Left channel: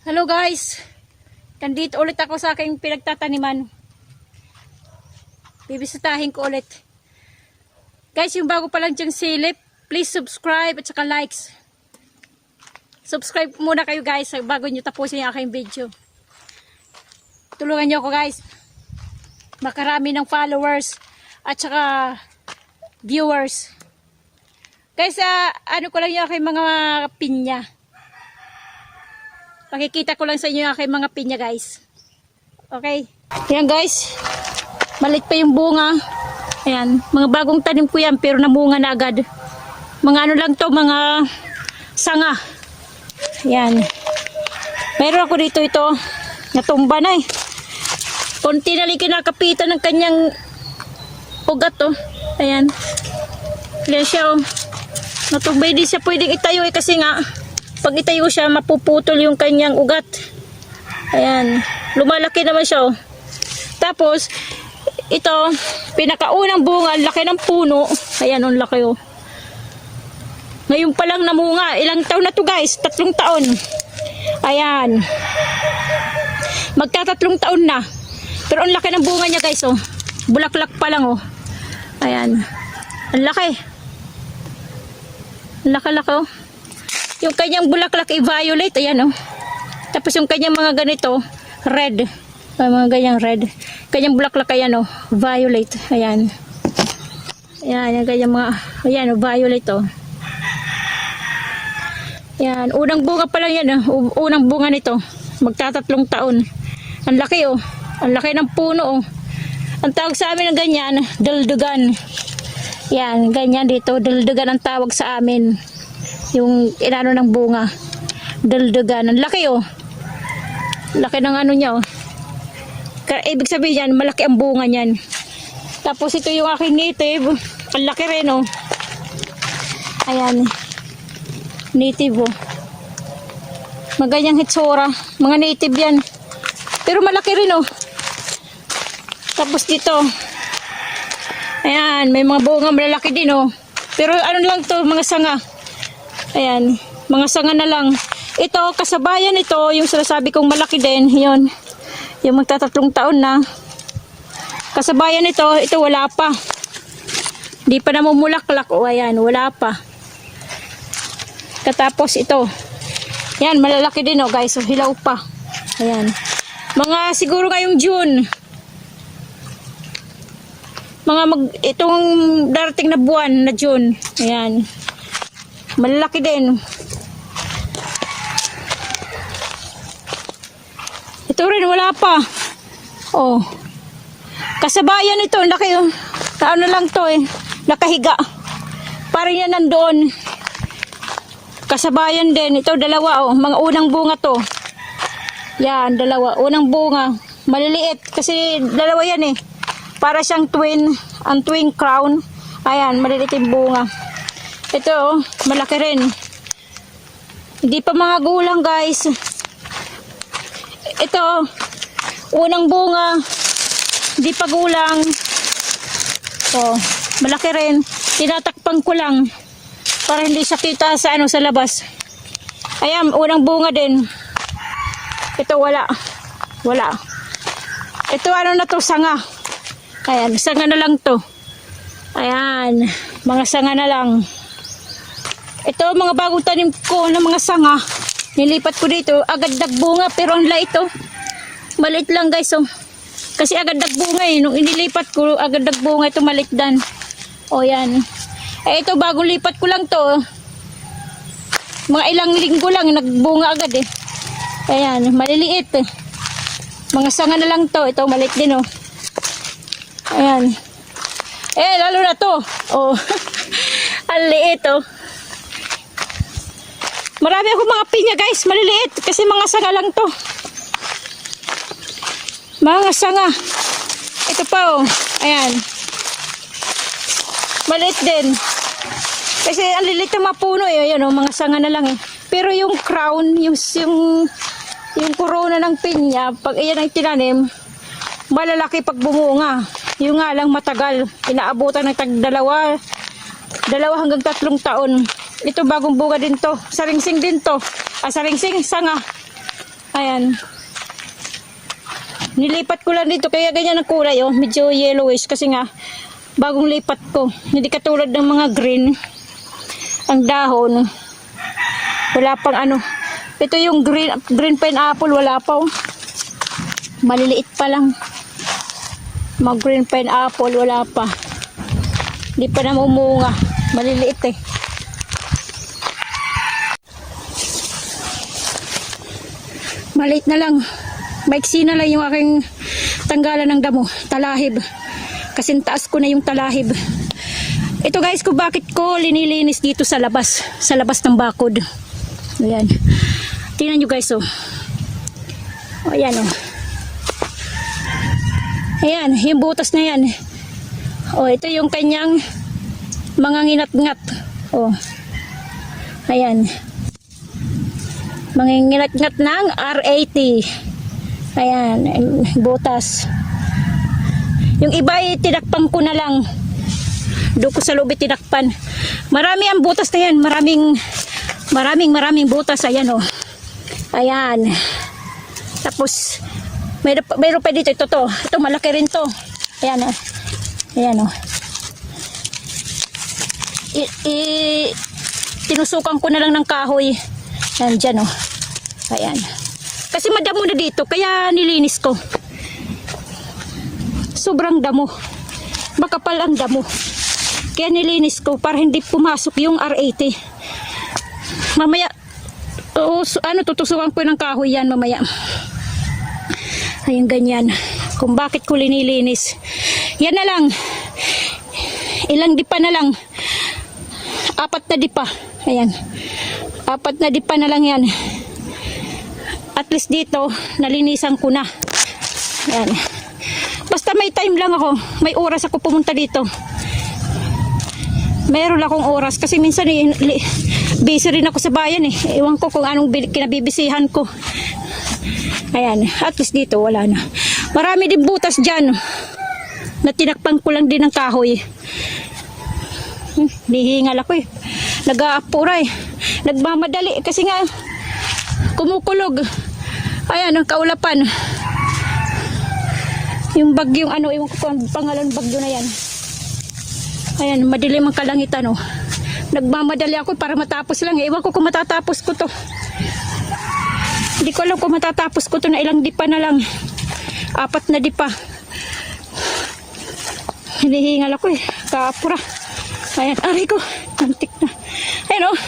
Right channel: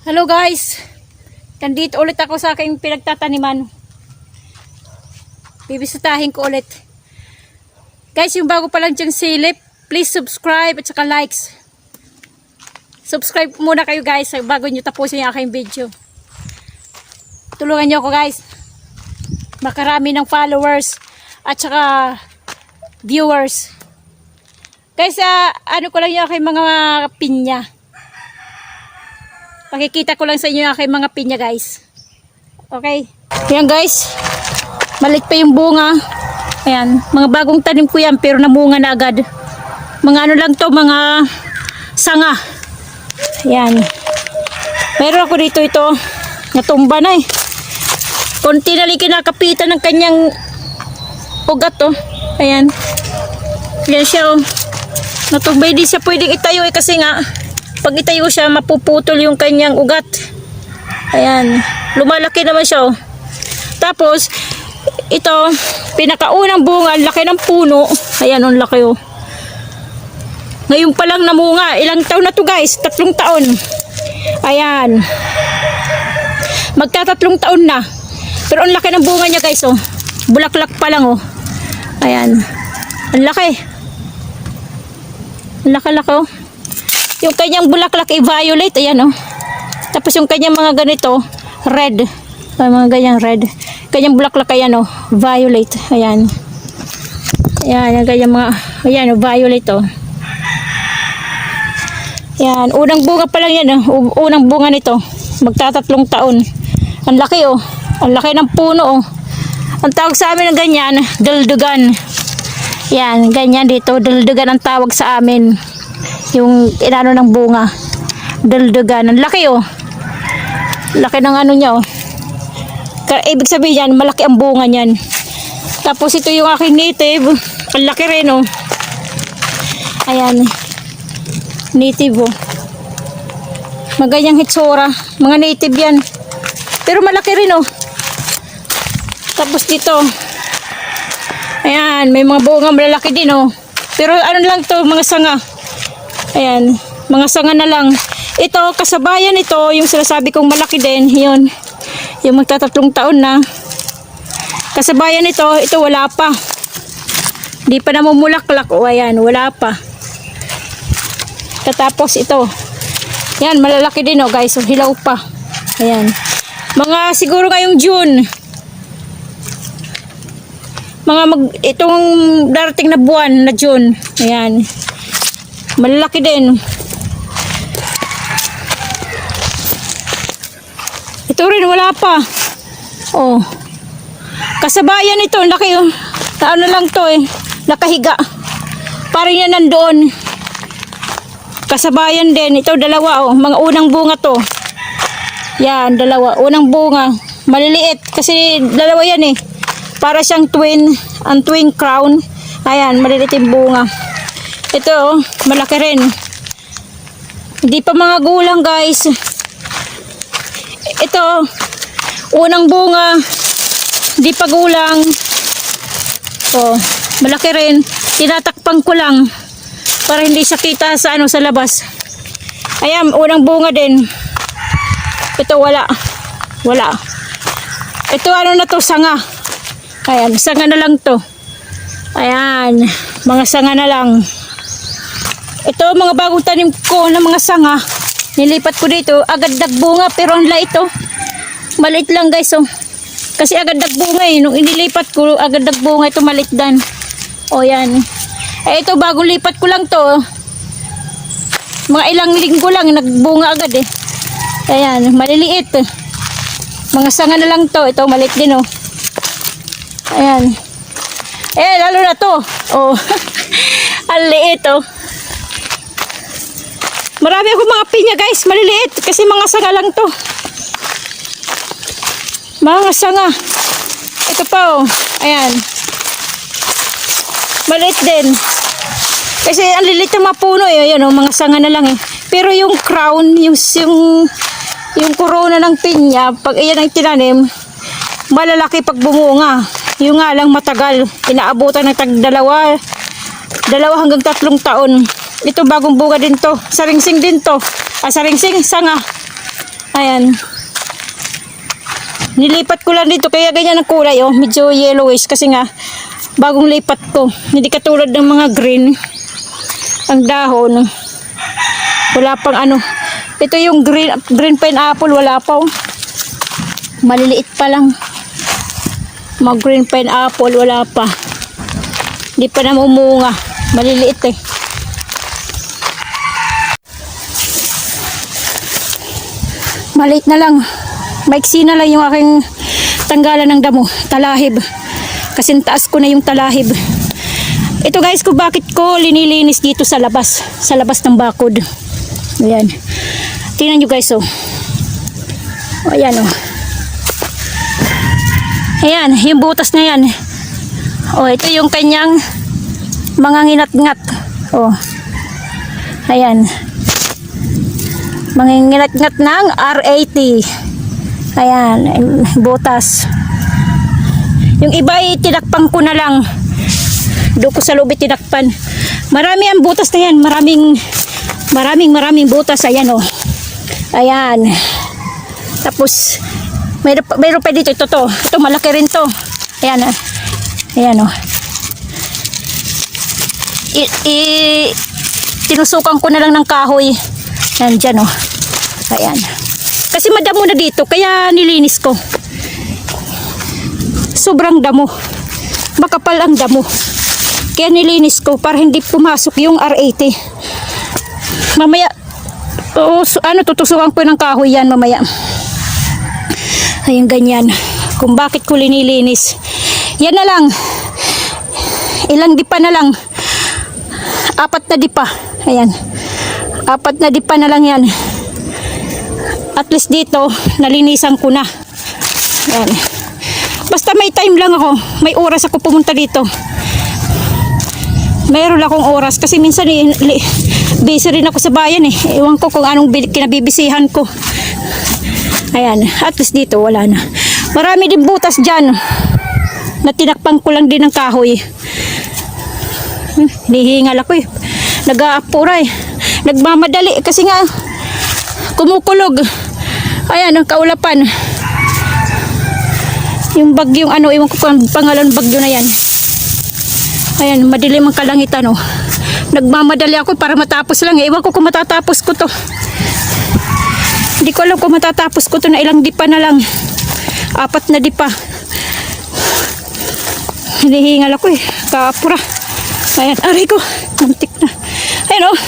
Hello guys, nandito ulit ako sa aking pinagtataniman. Bibisitahin ko ulit. Guys, yung bago pa lang dyan silip, please subscribe at saka likes. Subscribe muna kayo guys bago nyo tapusin yung aking video. Tulungan nyo ako guys. Makarami ng followers at saka viewers. Guys, ano ko lang yung aking mga pinya. Pakikita ko lang sa inyo yung aking mga pinya guys. Okay. Yan guys. Maliit pa yung bunga. Ayan. Mga bagong tanim ko yan pero namunga na agad. Mga ano lang to, mga sanga. Ayan. Meron ako dito ito. Natumba na eh. Konti na lang kinakapitan ng kanyang ugat to. Ayan. Yan siya oh. Natumba, hindi siya pwedeng itayo eh kasi nga pag itayo siya, mapuputol yung kanyang ugat. Ayan. Lumalaki naman siya. Oh. Tapos, ito, pinakaunang bunga, laki ng puno. Ayan, ang laki. Oh. Ngayon pa lang namunga. Ilang taon na to guys? 3 taon. Ayan. Magta-3 taon na. Pero ang laki ng bunga niya guys. Oh. Bulaklak pa lang. Oh. Ayan. Ang laki. Ang laki-laki. Oh. Yung kanyang bulaklak ay violet, ayan oh. Tapos yung kanyang mga ganito, red. Mga ganyang red. Kanyang bulaklak ayan oh, violet. Ayan. Ayan, yung kanyang mga, ayan oh, violet oh. Ayan, unang bunga pa lang yan oh. Unang bunga nito. Magta-3 taon. Ang laki oh. Ang laki ng puno oh. Ang tawag sa amin ng ganyan, daldugan. Ayan, ganyan dito, daldugan ang tawag sa amin. Yung inano ng bunga, daldagan. Ang laki oh. Laki ng ano niya oh. Ibig sabihin yan, malaki ang bunga niyan. Tapos ito yung aking native. Ang laki rin oh. Ayan. Native oh. Maganyang hitsura. Mga native yan. Pero malaki rin oh. Tapos dito. Ayan, may mga bunga malalaki din oh. Pero ano lang to, mga sanga. Ayan, mga sanga na lang. Ito, kasabayan ito, yung sinasabi kong malaki din, yun. Yung magta-3 taon na. Kasabayan ito wala pa. Hindi pa namumulaklak. O, ayan, wala pa. Tapos ito. Yan, malalaki din o guys. So, hilaw pa. Ayan. Mga siguro ngayong June. Itong darating na buwan na June. Ayan. Malalaki din. Ito rin, wala pa. Oh. Kasabayan ito, laki oh. Ano lang to eh. Nakahiga. Parang yan nandoon. Kasabayan din. Ito, dalawa oh. Mga unang bunga to. Yan, dalawa. Unang bunga. Maliliit. Kasi dalawa yan eh. Para siyang twin. Ang twin crown. Ayan, maliliit yung bunga. Ito oh, malaki rin. Hindi pa mga gulang guys. Ito, unang bunga. Hindi pa gulang. Oh, malaki rin. Tinatakpan ko lang para hindi siya kita sa ano sa labas. Ayan, unang bunga din. Ito wala. Wala. Ito ano na to, sanga. Ayan, sanga na lang to. Ayan, mga sanga na lang. Ito mga bagong tanim ko ng mga sanga. Nilipat ko dito. Agad nagbunga pero ang lait oh. Maliit lang guys oh. Kasi agad nagbunga eh. Nung inilipat ko agad nagbunga ito maliit dan. O yan. Eh ito bagong lipat ko lang to oh. Mga ilang linggo lang nagbunga agad eh. Ayan maliliit eh. Mga sanga na lang to. Ito maliit din oh. Ayan. Eh lalo na to. Oh. Ang liit oh. Marami akong mga pinya guys, maliliit kasi mga sanga lang to. Mga sanga. Ito pa oh. Ayan. Maliit din. Kasi ang lilit ng mga puno eh. Ayan oh, mga sanga na lang eh. Pero yung crown, yung corona ng pinya, pag iyan ang tinanim, malalaki pag bumunga. Yung nga lang matagal. Inaabutan ng tag-2 hanggang 3 taon. Ito bagong bunga din to. Saringsing din to. Saringsing, sanga. Ayan. Nilipat ko lang dito kaya ganyan ang kulay oh. Medyo yellowish kasi nga bagong lipat ko. Hindi katulad ng mga green. Ang dahon. Wala pang ano. Ito yung green pineapple. Wala pa oh. Maliliit pa lang. Mga green pineapple. Wala pa. Hindi pa na umunga. Maliliit eh. Maliit na lang. Maiksi na lang yung aking tanggalan ng damo. Talahib. Kasi taas ko na yung talahib. Ito guys, kung bakit ko linilinis dito sa labas. Sa labas ng bakod. Ayan. Tingnan nyo guys oh. O ayan oh. Ayan, yung butas na yan. O ito yung kanyang mga nginat-ngat. O. Ayan. Mga nginat-ngat ng R80. Ayan, butas. Yung iba ay tinakpan ko na lang. Doon ko sa loob tinakpan. Marami ang butas na yan. Maraming butas. Ayan o. Ayan. Tapos, mayroon pa dito. Ito malaki rin to. Ayan. Ayan o. Tinusukan ko na lang ng kahoy. Ayan dyan o. Ayan. Kasi madamo na dito. Kaya nilinis ko. Sobrang damo. Makapal ang damo. Kaya nilinis ko para hindi pumasok yung R80. Mamaya, tutusukan ko ng kahoy yan mamaya. Ayun ganyan. Kung bakit ko linilinis. Yan na lang. Ilang dipa na lang. 4 na dipa. Ayan. 4 na dipa na lang yan. At least dito, nalinisan ko na. Ayan. Basta may time lang ako. May oras ako pumunta dito. Meron akong oras kasi minsan busy rin ako sa bayan eh. Ewan ko kung anong kinabibisihan ko. Ayan, at least dito wala na. Marami din butas dyan na tinakpan ko lang din ng kahoy. Nihingal ako eh. Nag-aapura eh. Nagmamadali kasi nga kumukulog. Ayan, ang kaulapan. Yung bagyong ewan ko kung pangalan bagyo na yan. Ayan, madilim ang kalangitan oh. Nagmamadali ako para matapos lang eh. Ewan ko kung matatapos ko to. Hindi ko alam kung matatapos ko to na ilang dipa na lang. 4 na dipa. Hinihingal ako eh. Kaapura. Ayan, aray ko. Muntik na. Ayan oh.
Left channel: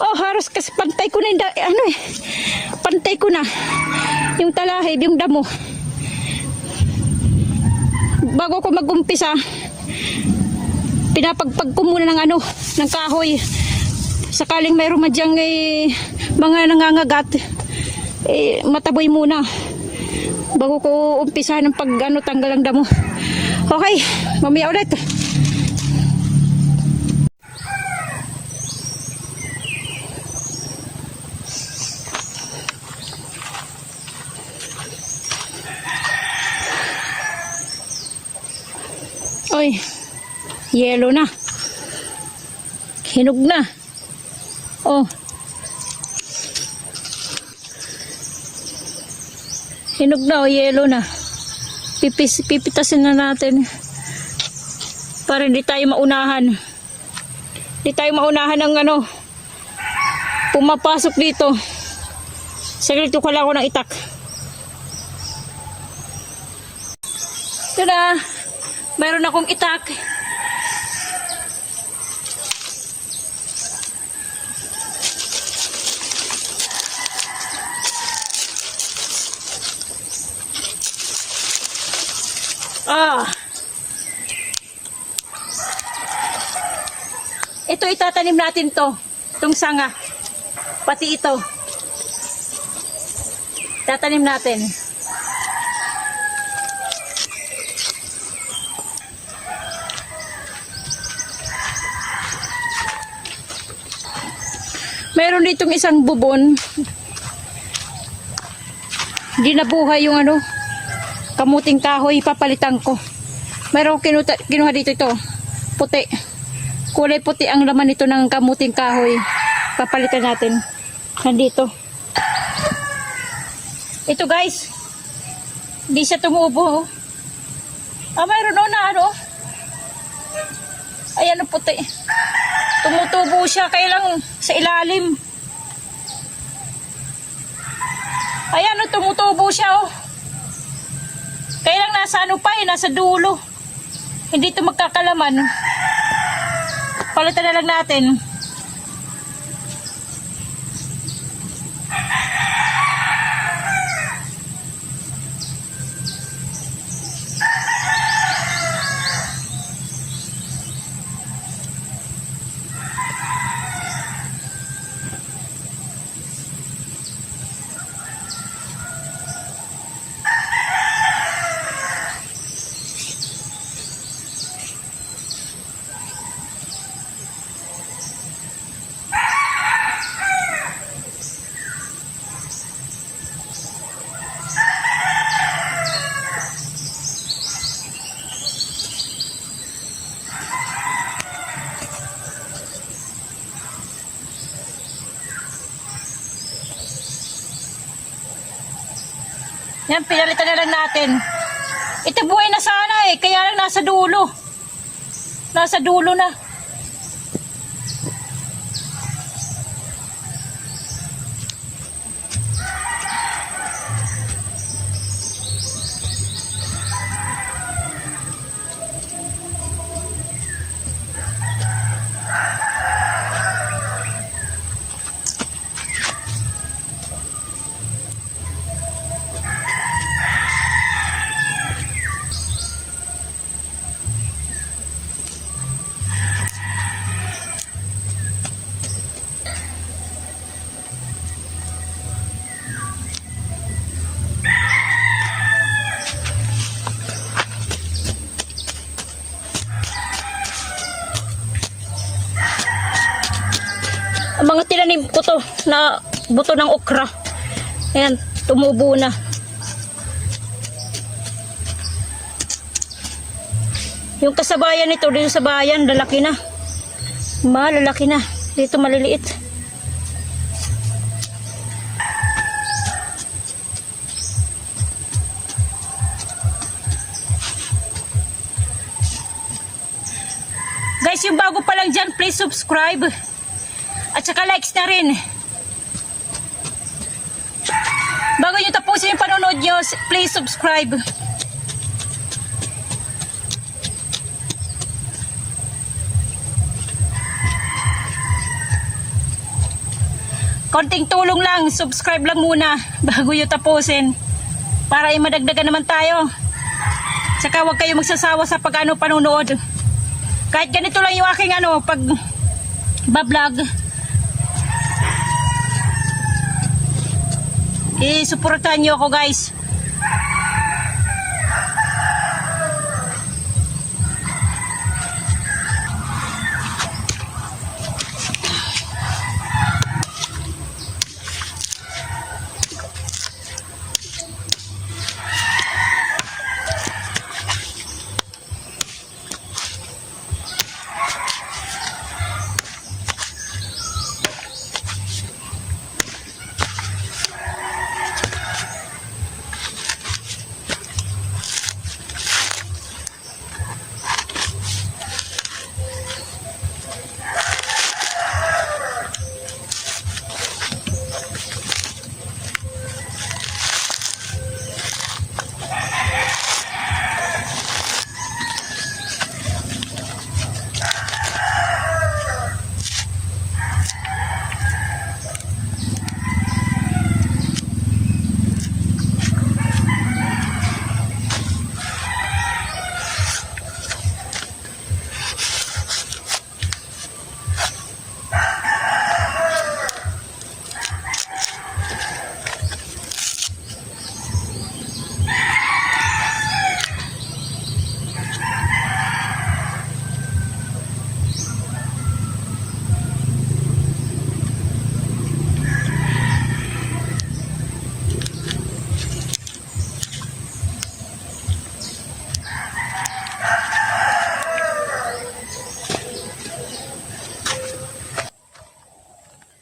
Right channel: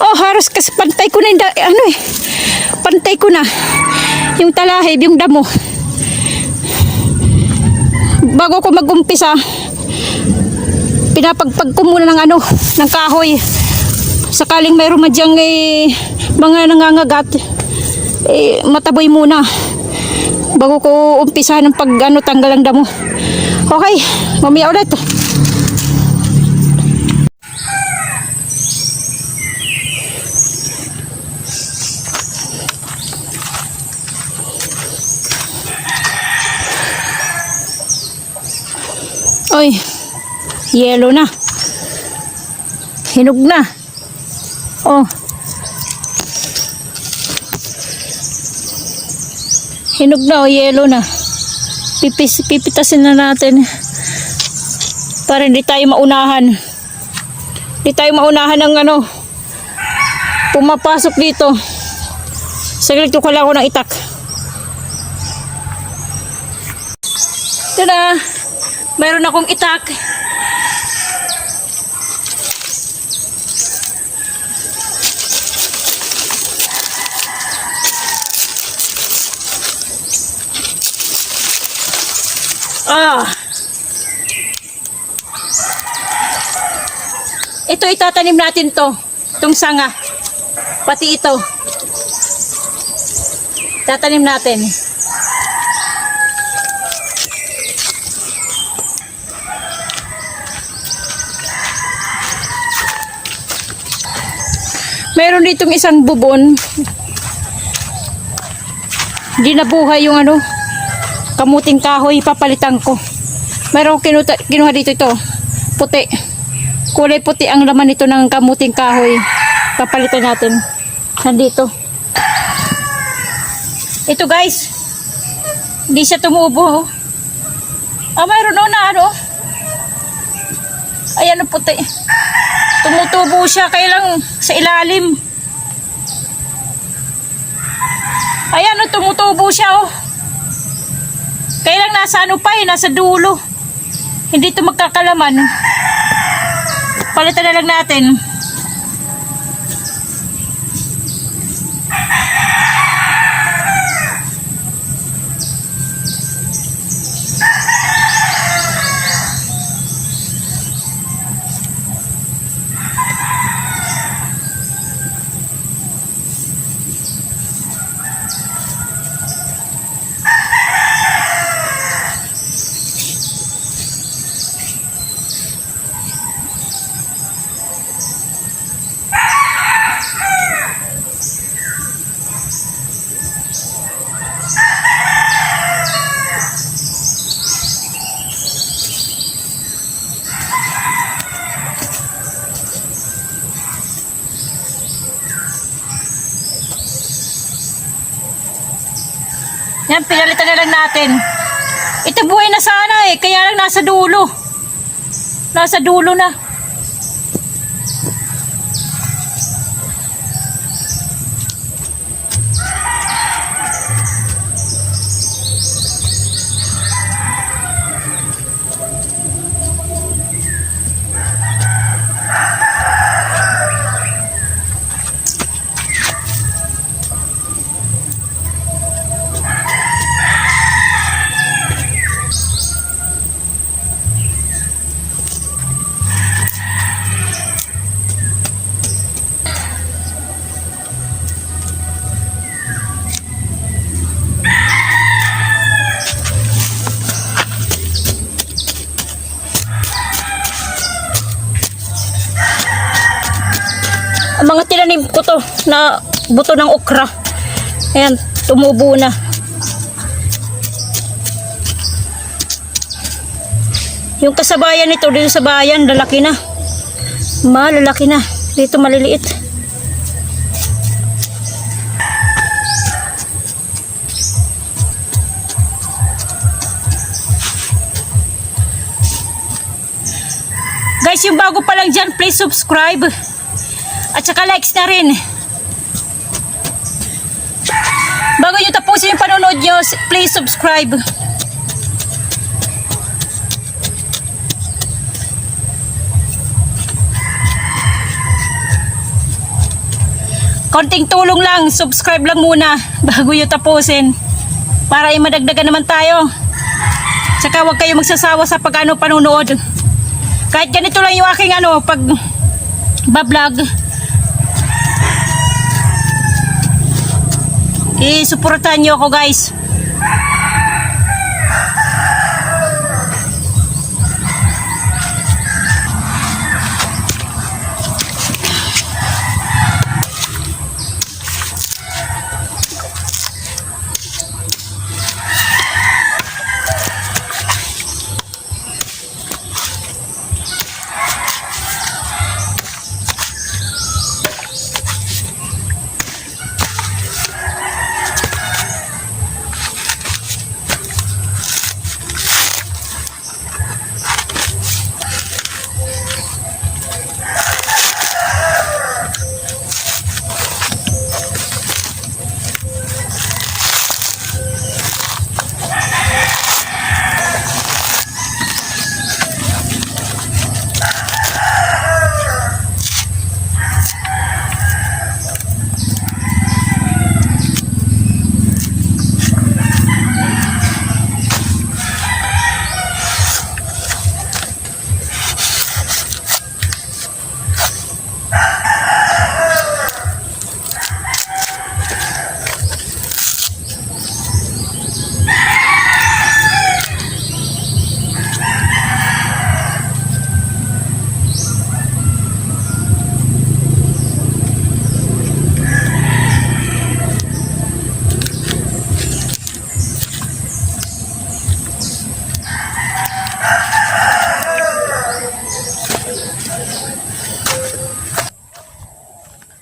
Oh, haros kasi pantay ko na yung pantay ko na. Yung talahib, yung damo. Bago ko mag-umpisa, pinapagpag ko muna ng kahoy. Sakaling mayroon madyang mga nangangagat, mataboy muna. Bago ko umpisa ng tanggal ng damo. Okay, mamaya ulit. Oy, yellow na. Hinog na. Oh. Hinog na o yellow na. Pipitasin na natin. Para hindi tayo maunahan. Hindi tayo maunahan ng pumapasok dito. Saglit ko lang ako ng itak. Tada! Mayroon akong itak. Ito itatanim natin to. Itong sanga. Pati ito. Tatanim natin. Meron ditong isang bubon. Hindi nabuhay yung kamuting kahoy, papalitan ko. Meron kinuha dito ito. Puti. Kulay puti ang laman nito ng kamuting kahoy. Papalitan natin. Nandito. Ito guys. Hindi siya tumubo. Mayroon na ano. Ayan ang puti. Tumutubo siya. Kaya lang sa ilalim. Ayan o, tumutubo siya o. Kaya lang nasa ano pa nasa dulo. Hindi ito magkakalaman. Palitan na lang natin. Yan, pinalitan na lang natin. Ito buhay na sana kaya lang nasa dulo. Nasa dulo na. Ang mga tinanim ko to na buto ng okra. Ayan, tumubo na. Yung kasabayan nito dito sa bayan, lalaki na. Malalaki na. Dito maliliit. Guys, yung bago pa lang dyan, please subscribe. At saka likes na rin. Bago nyo tapusin yung panonood nyo, please subscribe. Konting tulong lang, subscribe lang muna bago nyo tapusin. Para ay madagdagan naman tayo. Saka huwag kayo magsasawa sa panonood. Kahit ganito lang yung aking pag bablog. I-supportan nyo ako guys.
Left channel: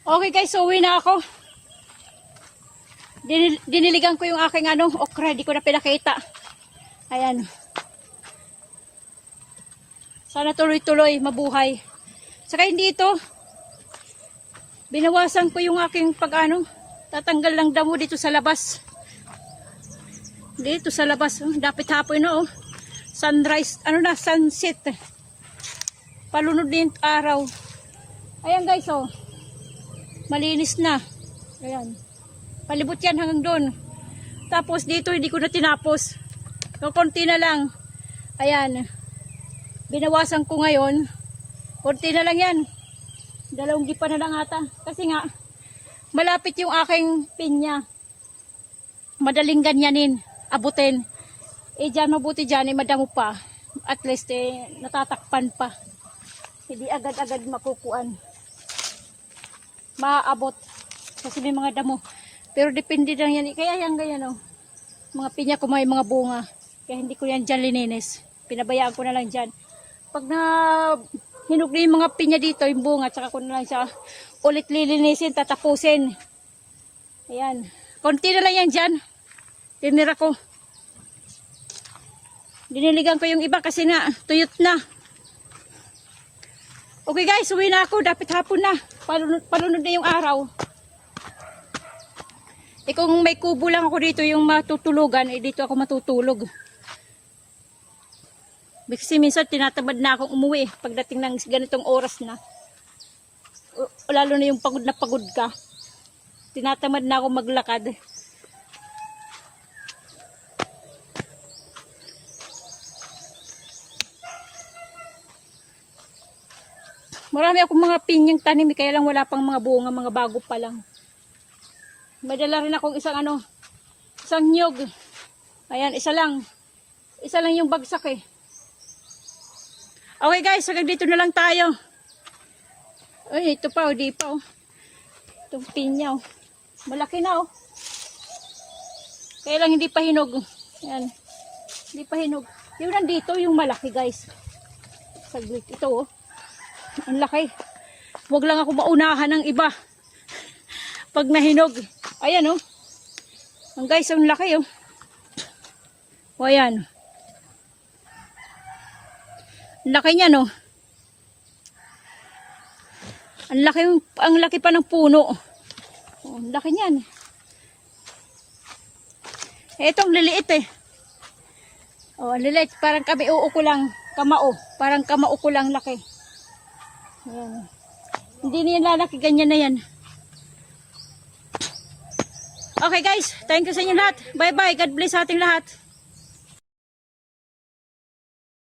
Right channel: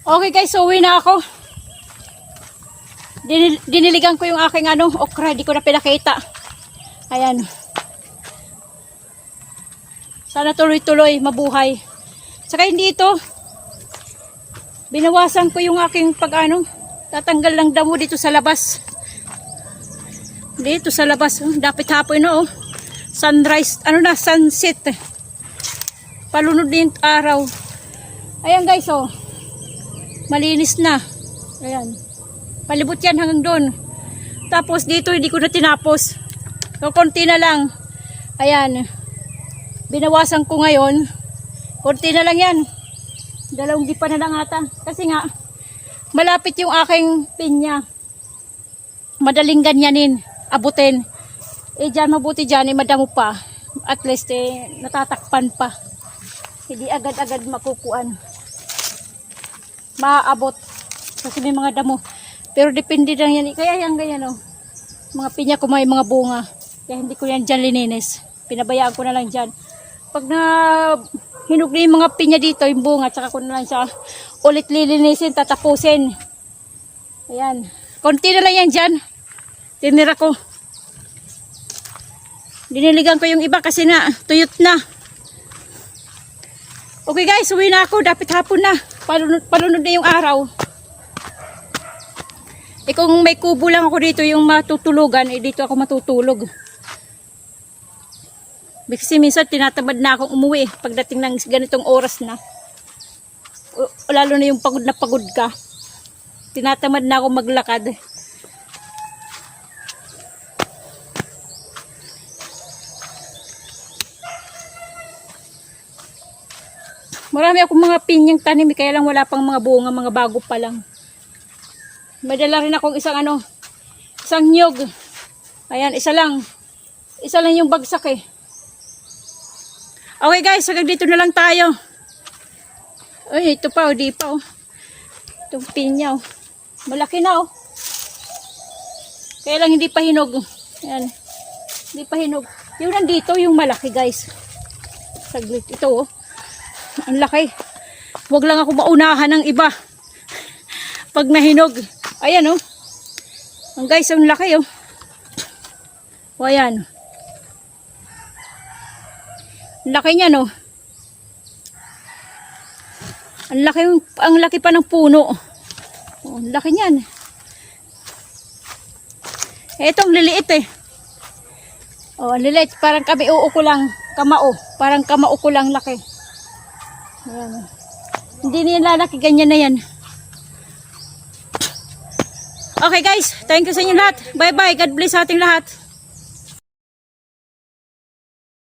Okay guys, so uwi na ako. Diniligan ko yung aking okra, di ko na pinakita. Ayan. Sana tuloy-tuloy, mabuhay. Saka hindi ito, binawasan ko yung aking tatanggal lang damo dito sa labas. Dito sa labas, dapat hapon na sunrise, sunset. Palunod na yung araw. Ayan guys, malinis na. Ayan. Palibot yan hanggang doon. Tapos dito hindi ko na tinapos. Konti na lang. Ayan. Binawasan ko ngayon. Konti na lang yan. 2 gipa na lang ata. Kasi nga, malapit yung aking pinya. Madaling ganyanin. Abutin. Dyan mabuti dyan, madamo pa. At least natatakpan pa. Hindi agad-agad makukuan. Maaabot. Kasi may mga damo. Pero depende lang yan. Kaya yan ganyan mga pinya ko may mga bunga. Kaya hindi ko yan dyan lininis. Pinabayaan ko na lang dyan. Pag na hinog na yung mga pinya dito, yung bunga, tsaka ko na lang siya ulit lilinisin, tatapusin. Ayan. Konti na lang yan dyan. Tinira ko. Diniligan ko yung iba kasi na tuyot na. Okay guys, uwi na ako. Dapat hapon na. Palunod na yung araw. Kung may kubo lang ako dito yung matutulugan, dito ako matutulog. Kasi minsan tinatamad na akong umuwi pagdating ng ganitong oras na. Lalo na yung pagod na pagod ka. Tinatamad na akong maglakad. Marami akong mga pinyang tanim, kaya lang wala pang mga bunga, mga bago pa lang. Madala rin akong isang nyog. Ayan, isa lang. Isa lang yung bagsak eh. Okay guys, hanggang dito na lang tayo. Ay, ito pa, di pa itong pinya malaki na Kaya lang hindi pa hinog. Ayan. Hindi pa hinog. Yung nandito, yung malaki guys. Saglit, ito ang laki. Huwag lang ako maunahan ng iba. Pag nahinog. Ayan ang guys, ang laki ayan. Ang laki niya ang laki pa ng puno. Ang laki niyan. Itong liliit ang liliit, parang ko lang, parang kamao ko lang laki. Ayan. Hindi niya lalaki, ganyan na yan. Okay guys, thank you sa inyo lahat. Bye bye, God bless sa ating lahat.